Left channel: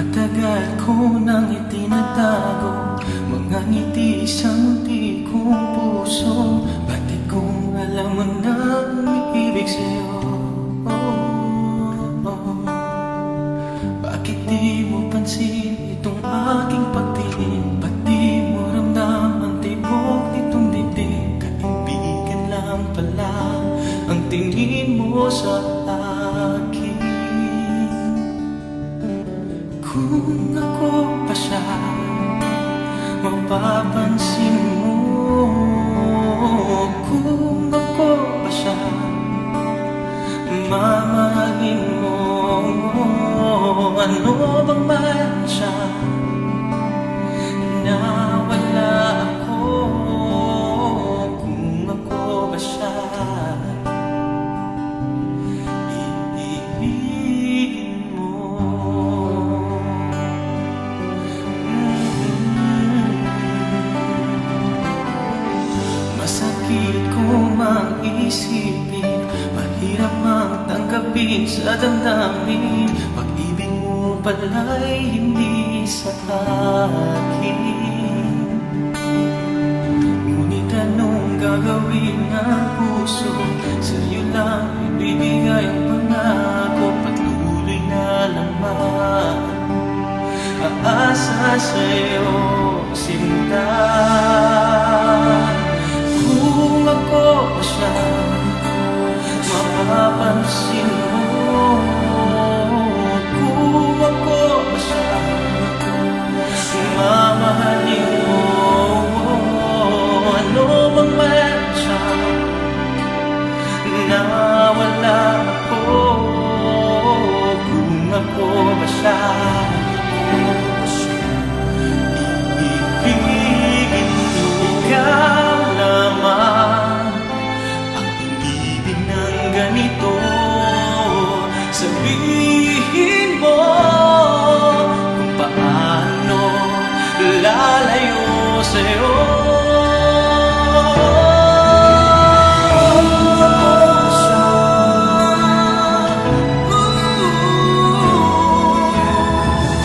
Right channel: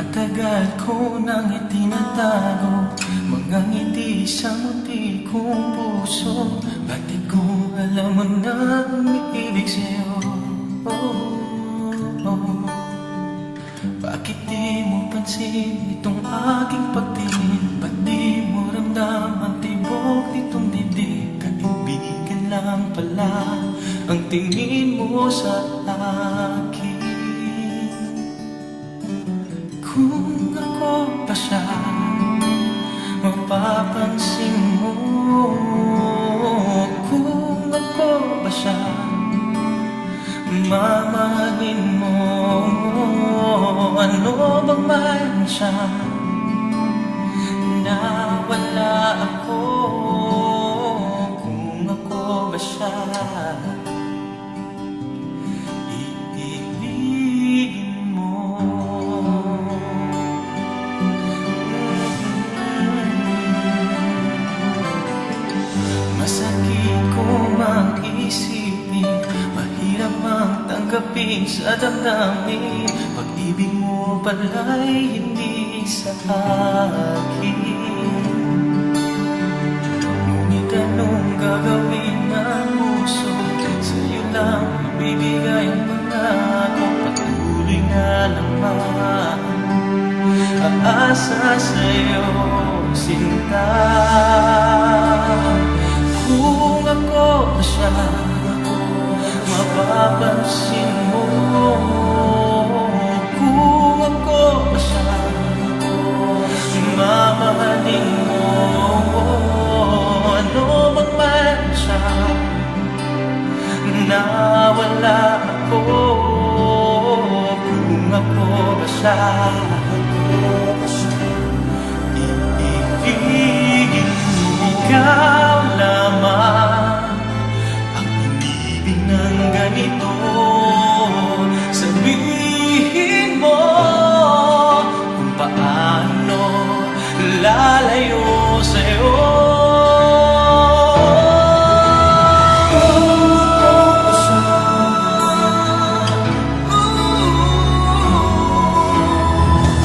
Matagal ko nang itinatago mga ngiti sa munti kong puso. Bakit kung alam mo na umiibig sa'yo? Bakit di mo pansin itong aking pagtingin? Ba't di mo ramdam ang tibok nitong dibdib? Kaibigan lang pala ang tingin mo sa akin. Kung ako pa siya, mapapansin mo. Kung ako ba siya, mamahalin mo. Ano bang mayroon siya na wala ako? Kung ako ba siya, iibigin mo. Masakit ko mang isipin, mahirap mang tanggapin sa damdamin. Pag-ibig mo pala'y hindi sa akin. Ngunit anong gagawin ng puso? Sa'yo lang ibibigay ang pangako. Patuloy na lamang aasa sa'yo, sinta. Kung ako ba siya, mapapansin mo. Kung ako ba siya, mamahalin mo. Ano bang mayroon siya na wala ako? Kung ako ba siya, iibigin mo. Ikaw lamang ang inibig ng ganito. Sabihin mo kung paano lalayo sa'yo.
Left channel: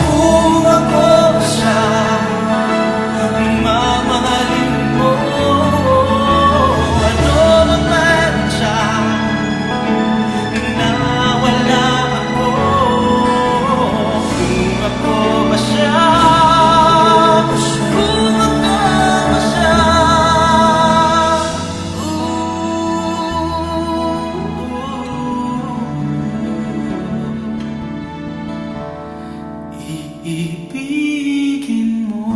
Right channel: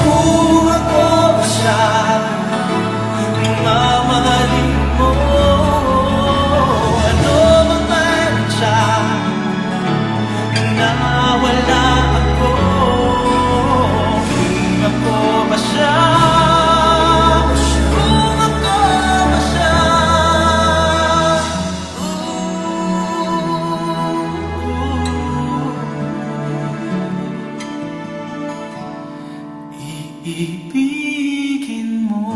Kung ako ba siya, mamahalin mo. Ano bang mayroon siya na wala ako? Kung ako ba siya, kung ako ba siya, iibigin mo.